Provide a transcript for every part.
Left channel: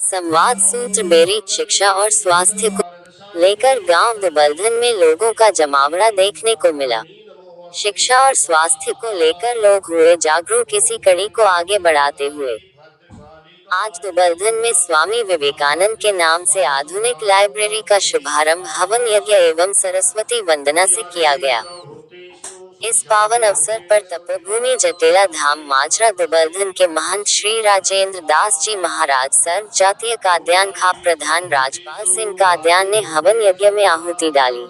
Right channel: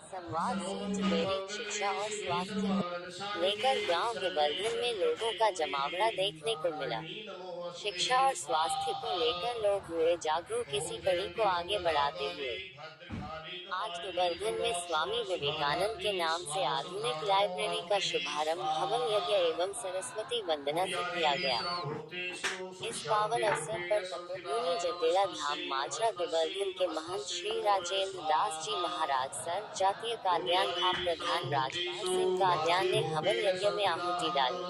संवाद सूत्र बेरी शिक्षा और स्वास्थ्य को लेकर गांव दुबलधन में लोगों का जमावड़ा देखने को मिला। शिक्षा और स्वास्थ्य को लेकर लोग हुए जागरूक। इसी कड़ी को आगे बढ़ाते हुए आज दुबलधन में स्वामी विवेकानंद के नाम से आधुनिक लाइब्रेरी का शुभारंभ हवन यज्ञ एवं सरस्वती वंदना से किया गया। इस पावन अवसर पर तपोभूमि जटेला धाम माजरा दुबलधन के महंत श्री राजेंद्र दास जी महाराज सर्व जातीय काद्यान खा प्रधान राजपाल सिंह काद्यान ने हवन यज्ञ में आहुति डाली।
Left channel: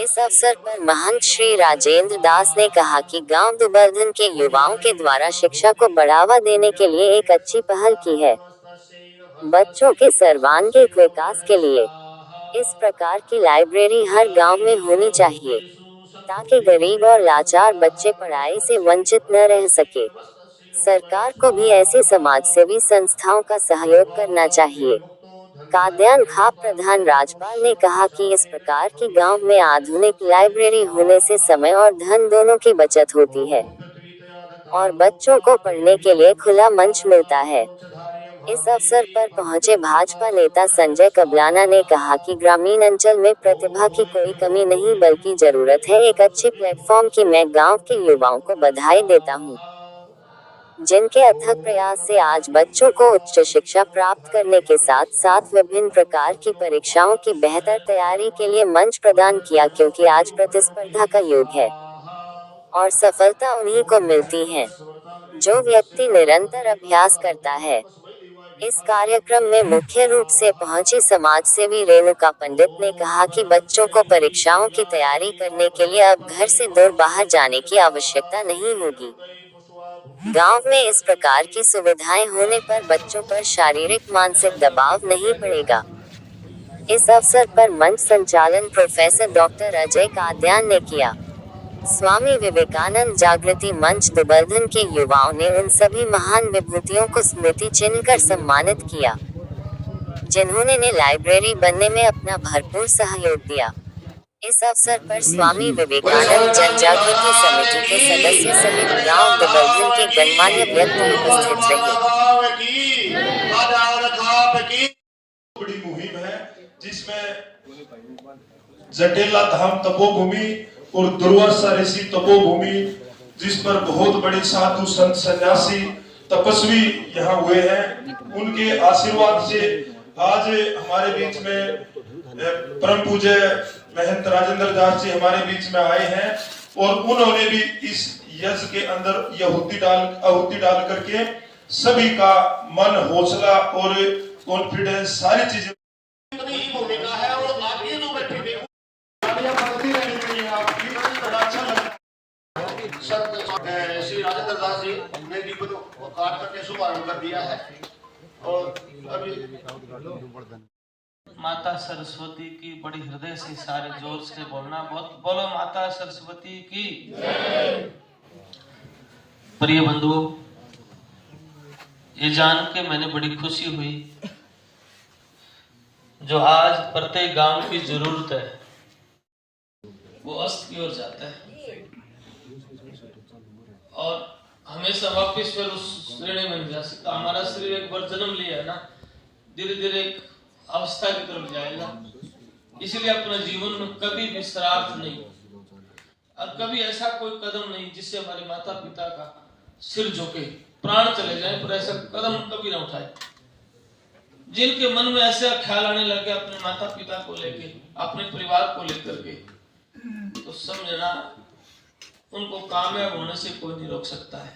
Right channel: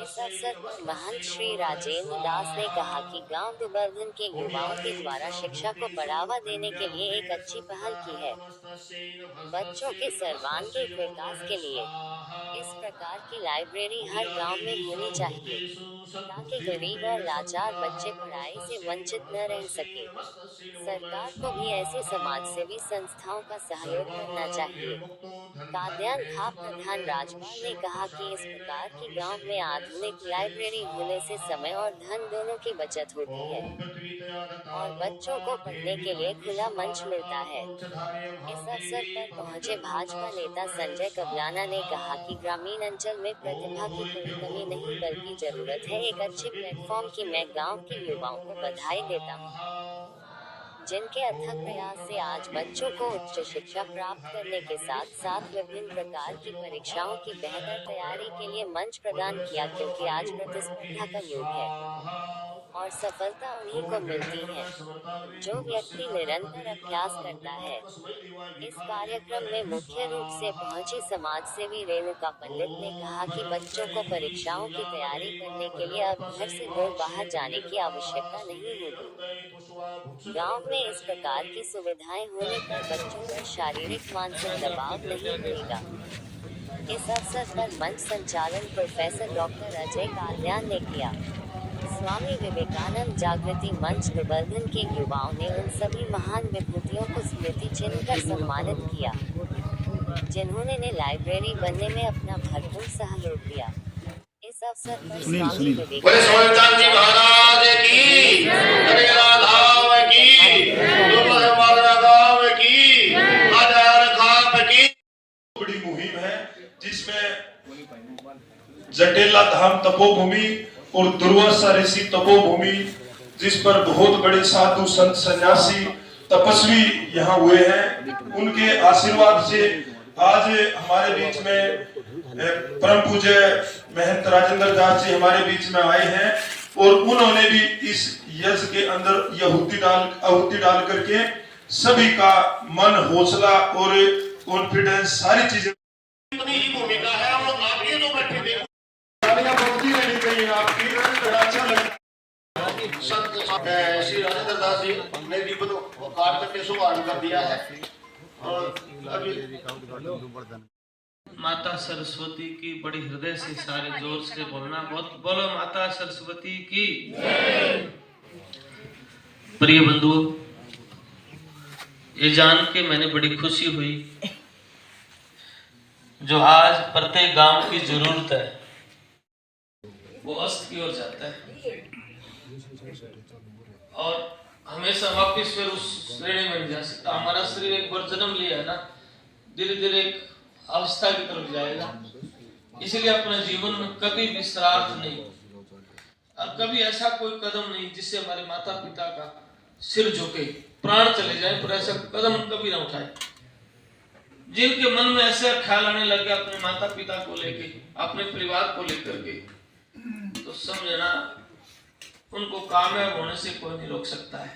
इस अवसर पर महंत श्री राजेंद्र दास ने कहा कि गांव दुबलधन के युवाओं के द्वारा शिक्षा को बढ़ावा देने के लिए एक अच्छी पहल की है। बच्चों के सर्वांगीण विकास के लिए इस प्रकार की लाइब्रेरी हर गांव में होनी चाहिए, ताकि गरीब और लाचार बच्चे पढ़ाई से वंचित न रह सके। सरकार को भी ऐसी समाजसेवी संस्थाओं का सहयोग करना चाहिए। काद्यान खा प्रधान राजपाल ने कहा कि इस प्रकार की गांव में आधुनिक लाइब्रेरी होने से समय और धन दोनों की बचत होती है और बच्चों को पढ़ने के लिए खुला मंच मिलता है। इस अवसर पर पहुंचे भाजपा नेता संजय कबलाना ने कहा कि ग्रामीण अंचल में प्रतिभा की कोई कमी नहीं बल्कि जरूरत है एक अच्छे प्लेटफॉर्म की। मैं गांव के युवाओं को बधाई देता हूं, जिनके अथक प्रयास से आज बच्चों को उच्च शिक्षा प्राप्त करने के साथ साथ विभिन्न प्रकार की परीक्षाओं की बेहतर तैयारी के लिए मंच प्रदान किया, क्योंकि आज प्रतिस्पर्धा का युग है और सफलता उन्हीं को मिलती है जो व्यक्ति निरंतर अभ्यास करता है। इस कार्यक्रम में मुख्य रूप से पहुंची समाजसेवी रेणुका पंडित ने कहा कि बच्चों को परीक्षाओं की तैयारी करने के लिए अब घर से दूर बाहर जाने की आवश्यकता नहीं होगी। गांव में इस प्रकार की सुविधाएं होने पर बच्चों पर शारीरिक मानसिक दबाव नहीं पड़ेगा। इस अवसर पर मंच संचालन प्रोफेसर डॉक्टर अजय काद्यान ने किया। स्वामी विवेकानंद जागृति मंच दुबलधन के युवाओं ने उन सभी महान विभूतियों को स्मृति चिन्ह कर सम्मानित किया, जिन्होंने ने लाइब्रेरी बनने में अपना भरपूर सहयोग दिया। इस अवसर पर स्वामी विवेकानंद जन जागृति समिति के सदस्य सहित गांव दुबलधन के गणमान्य व्यक्ति उपस्थित रहे। बड़ी मुहिम है जिसमें जटेला धाम तपोभूमि और दुर्वासा ऋषि तपोभूमि, जिस पर बहुत बड़े साधु संत सन्यासी तपस्वी यहाँ हुए हैं, उनके आशीर्वाद से आज हमारे बीच में परम पूज्य महंत राजेंद्र दास जी हमारे बीच में आए हैं और उन्होंने भी इस यज्ञ के अंदर आहुति डाल करके सभी का मन, हौसला और कॉन्फिडेंस सारी चीजें भूमिका है। और आगे जो बैठे बढ़ती रहनी चाहिए आपकी, बड़ा अच्छा लगता है। श्री राजेंद्र दास जी ने दीपक को काट करके शुभारंभ कर दिया है। और माता सरस्वती की बड़ी हृदय से सारे जोर से बोलना, बहुत बोलो माता सरस्वती की। प्रिय बंधुओं, ये जान के मैंने बड़ी खुशी हुई, जो आज प्रत्येक गांव की जरूरत है वो अस्त की ओर जाता है और हमेशा वापस फिर उस श्रेणी में जा सकता। हमारा शरीर एक बार जन्म लिया है ना, धीरे धीरे एक अवस्था की तरफ जाएगा। इसलिए अपने जीवन में कभी भी श्राद्ध नहीं और कभी ऐसा कोई कदम नहीं जिससे हमारे माता पिता का सिर झुके, प्राण चले जाए, पर ऐसा कदम कभी ना उठाए। जिनके मन में ऐसा ख्याल आने लगे अपने माता पिता को लेके, अपने परिवार को लेकर के, तो समझना उनको कामयाब होने से कोई नहीं रोक सकता है।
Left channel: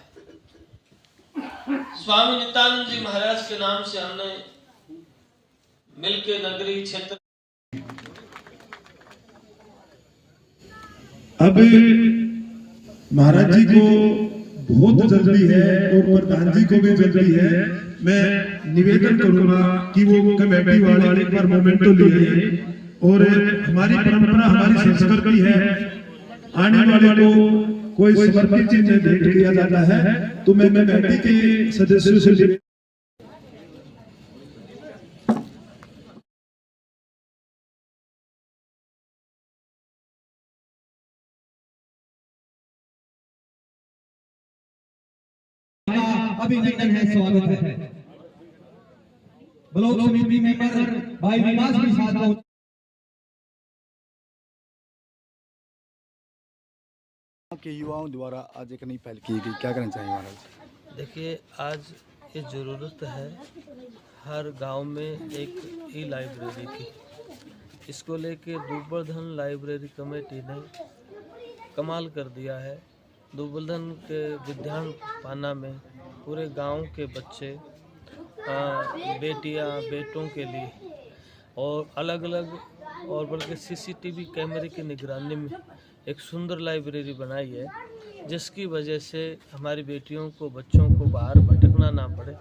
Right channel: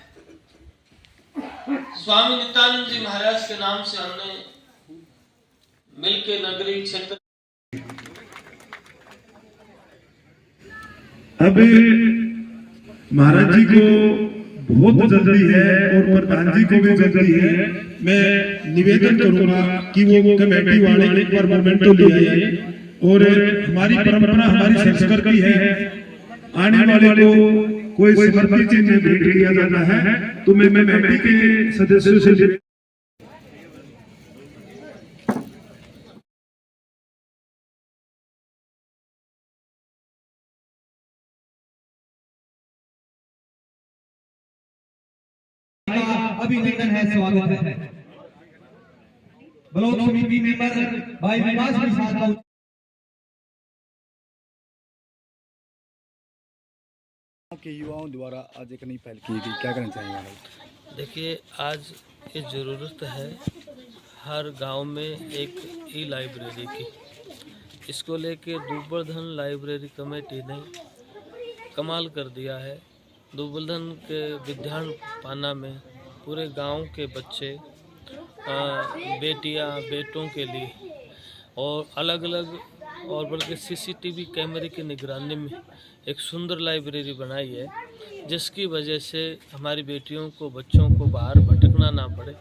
स्वामी नित्यानंद जी महाराज के नाम से हमने मिलके नगरी क्षेत्र अब महाराज जी को बहुत जल्दी है और प्रधान जी को भी जल्दी है। मैं निवेदन करूंगा कि वो कमेटी वाले एक बार मोमेंटो ले आए और हमारी परंपरा, हमारी संस्कृति है, आने वाले को कोई समर्पित चीज में भेंट किया जाता है। तो मैं कमेटी के सदस्यों से अभिनंदन है, स्वागत है। ब्लॉक समिति मेंबर भाई विकास भी साथ में। के युवाओं द्वारा आज एक नई पहल की गई, क्या करना चाहिए महाराज? देखिए, आज ये ज़रूरत है हर गांव में एक ई लाइब्रेरी की। इसको लेके दुबलधन लाइब्रेरी कमेटी ने कमाल कर दिया है। दुबलधन के विद्यान पाना में पूरे गांव के बच्चे, बेटियां, बेटों के लिए और अलग अलग और बल्कि सीसीटीवी कैमरे की निगरानी में एक सुंदर लाइब्रेरी बनाई है, जिसकी वजह से हमारी बेटियों को, बच्चों को बाहर भटकना ना पड़े।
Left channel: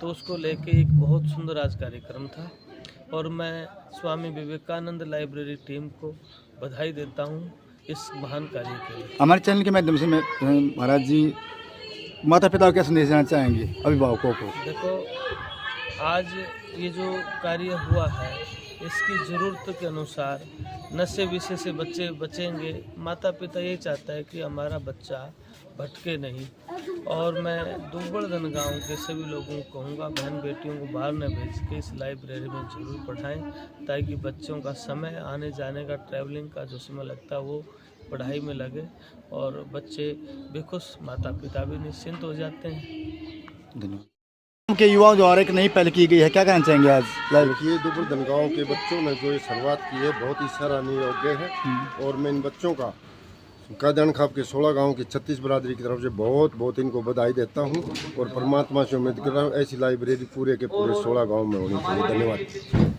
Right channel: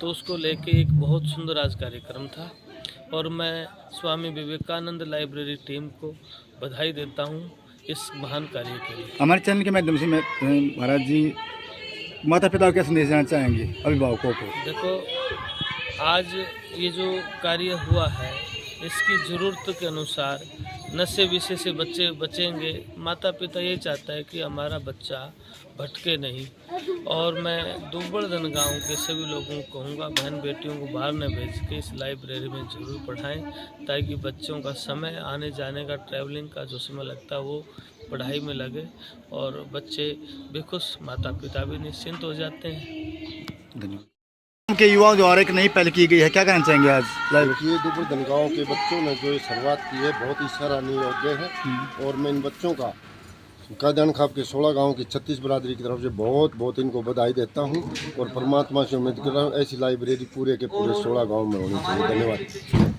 तो उसको लेके एक बहुत सुंदर आज कार्यक्रम था और मैं स्वामी विवेकानंद लाइब्रेरी टीम को बधाई देता हूं इस महान कार्य के लिए। हमारे चैनल के माध्यम से मैं महाराज जी माता पिता को क्या संदेश देना चाहेंगे अभिभावकों को? देखो, आज ये जो कार्य हुआ है इसकी ज़रूरत के अनुसार नशे विषय से बच्चे बचेंगे। माता पिता ये चाहता है कि हमारा बच्चा भटके नहीं। और मैं दुबलधन गांव के सभी लोगों को कहूँगा, बहन बेटियों को बाहर न भेज के इस लाइब्रेरी में ज़रूर पढ़ाएं, ताकि बच्चों का समय, आने जाने का, ट्रैवलिंग का जो समय लगता है वो पढ़ाई में लगे और बच्चे बेखुश, माता पिता भी निश्चिंत हो जाते हैं। धन्यवाद। के युवाओं द्वारा एक नई पहल की गई है, क्या कहना चाहेंगे आज? देखिए, दुबलधन गांव के बच्चों ने जो ये शुरुआत की है बहुत ही सराहनीय योग्य है और मैं इन बच्चों का कादियान खाप के 16 गांव की 36 बरादरी की तरफ से बहुत बहुत इनको बधाई देता हूं और परमात्मा से उम्मीद कर रहा हूं ऐसी लाइब्रेरी पूरे के पूरे 16 गांव में होनी चाहिए। धन्यवाद।